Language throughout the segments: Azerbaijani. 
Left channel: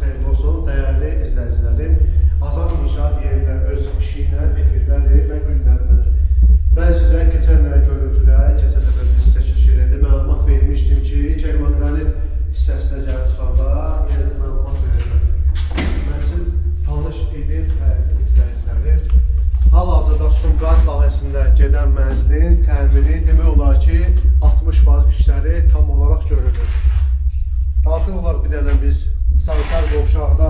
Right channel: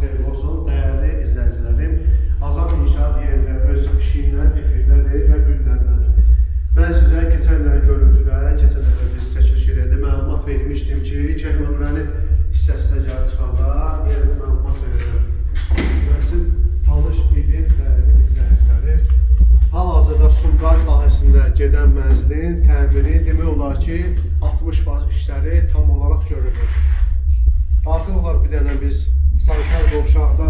xeyirli olsun, dəyərli izləyicilərim. Azad İnşaat yerində öz işi ilə efirdədir və gündəmdədir. Mən sizə keçən dəfə görüntülər, keçən dəfə biz çəkiliş yerində məlumat vermişdim ki, Kerman-Granit hissəsinə gəlib çıxanda yenə də məlumat verəcəm. Mən siz tanış edim, dəyərli izləyicilərim. Hal-hazırda Sumqayıt layihəsində gedən mənzilin təmiri demək olar ki, 60% işləri tam olaraq görülür. Artıq olaraq bir dənə biz sanitar qovşaqda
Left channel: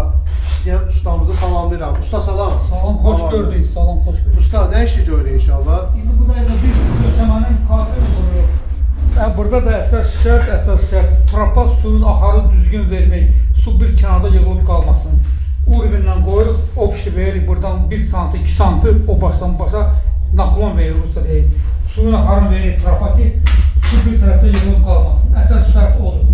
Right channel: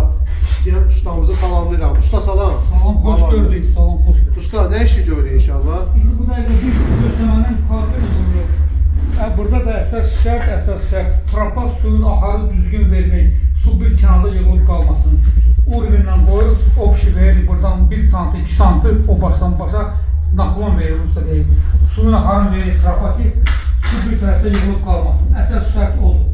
işləyən ustamızı salamlayıram. Usta salam. Salam, xoş gördük. Salam, xoş gördük. Usta, nə işi görürük inşallah? İndi bu dəqiqə bir döşəmənin tarifini qoyuruq. Burada da əsas şərt trapa suyun axarı düzgün vermək. Su bir kənarda yığılıb qalmasın. Urbindən qoyuruq, obşi veririk. Buradan 1 sm, 2 sm o başdan başa naklon veririk. Usta deyək. Suyun axarını veririk trapa ki, su bir tərəfdə yığılıb qalmasın. Əsas şərt odur.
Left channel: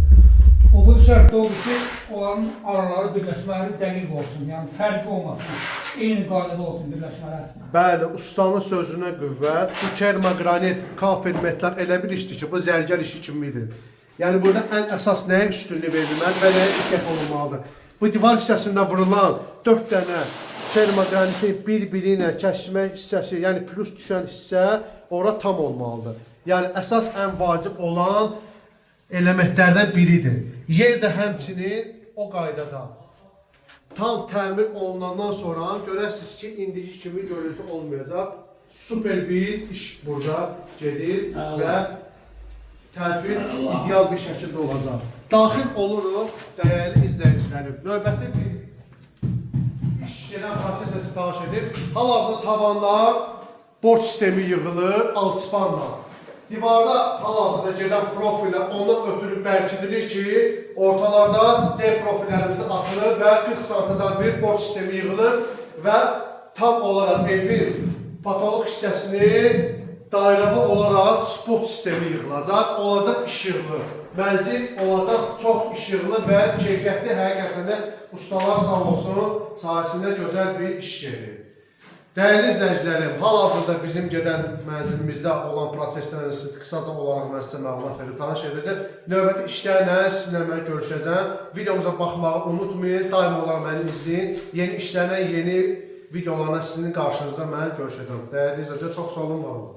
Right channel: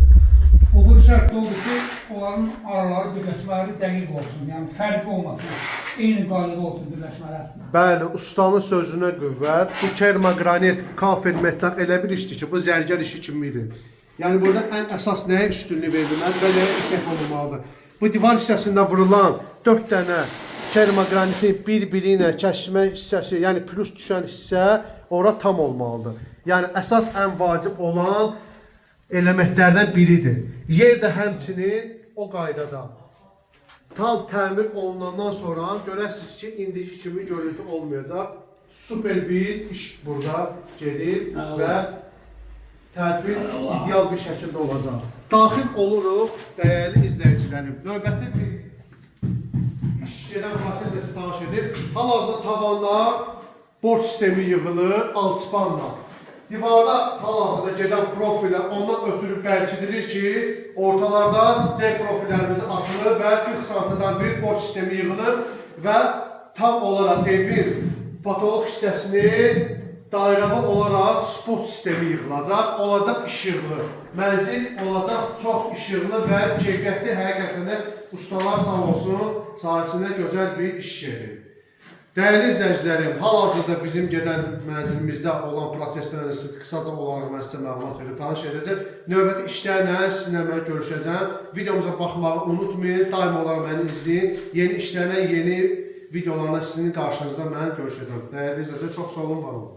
O bir şərt də oldu ki, onların araları, birləşmələri dəqiq olsun, yəni fərqi olmasın, eyni qaydada olsun birləşmələr. Bəli, ustanın sözünə qüvvət. Bu Kerman-Granit kafer metal elə bir işdir ki, bu zərgər işi kimidir. Yəni burada ən əsas nəyə üstünlük verilməlidir və nəyə diqqət olunmalıdır. Bu divar hissəsində vurulan 4 dənə Kerman-Granitin bir-biri ilə kəsmə hissəsi, yəni plus düşən hissə ora tam olmalıdır. Yəni əsas ən vacib olan elementlərdən biridir. Yer də həmçinin o qaydada tam təmir olunandan sonra görəsiniz ki, indiki kimi görüntü olmayacaq. Super bir iş burada gedir və təhvil ideal bir şəkildə olacaq. Daxil oluruq, dəyərli izləyicilərim. Növbəti bir iş gedən proseslə tanış edib. Hal-hazırda tavanlar borç sistemi yığılır alçıpanla. Divarda hal-hazırda gedən profilə ondan ötürü bərkidilir ki, ortalarda C profillərimizi atılır və 40 santimdən bir borç sistemi yığılır və tam olaraq evin patolog hissəsini dairəvi olaraq spot sistemi yığılacaq, olacaq işıqlı. Mənzil olacaq çox işıqlı və keyfiyyətli, həqiqətən də ustalar sağ olsun, sayəsində gözəl bir iş gedir. Dəyərli izləyicilərim, hal-hazırda bizim gedən mənzilimizdə olan proseslərlə sizə qısaca olaraq mən sizə məlumat verib tanış edəcəm. Növbəti işlərlə sizinlə mən görüşəcəm. Videomuza baxmağı unutmayın, daim olaraq məni izləyin. Yeni işlərlə, yeni videolarla sizin qarşınızda mən görüşəcəm. Dəyərli izləyicilərim, çox sağ olun, var olun.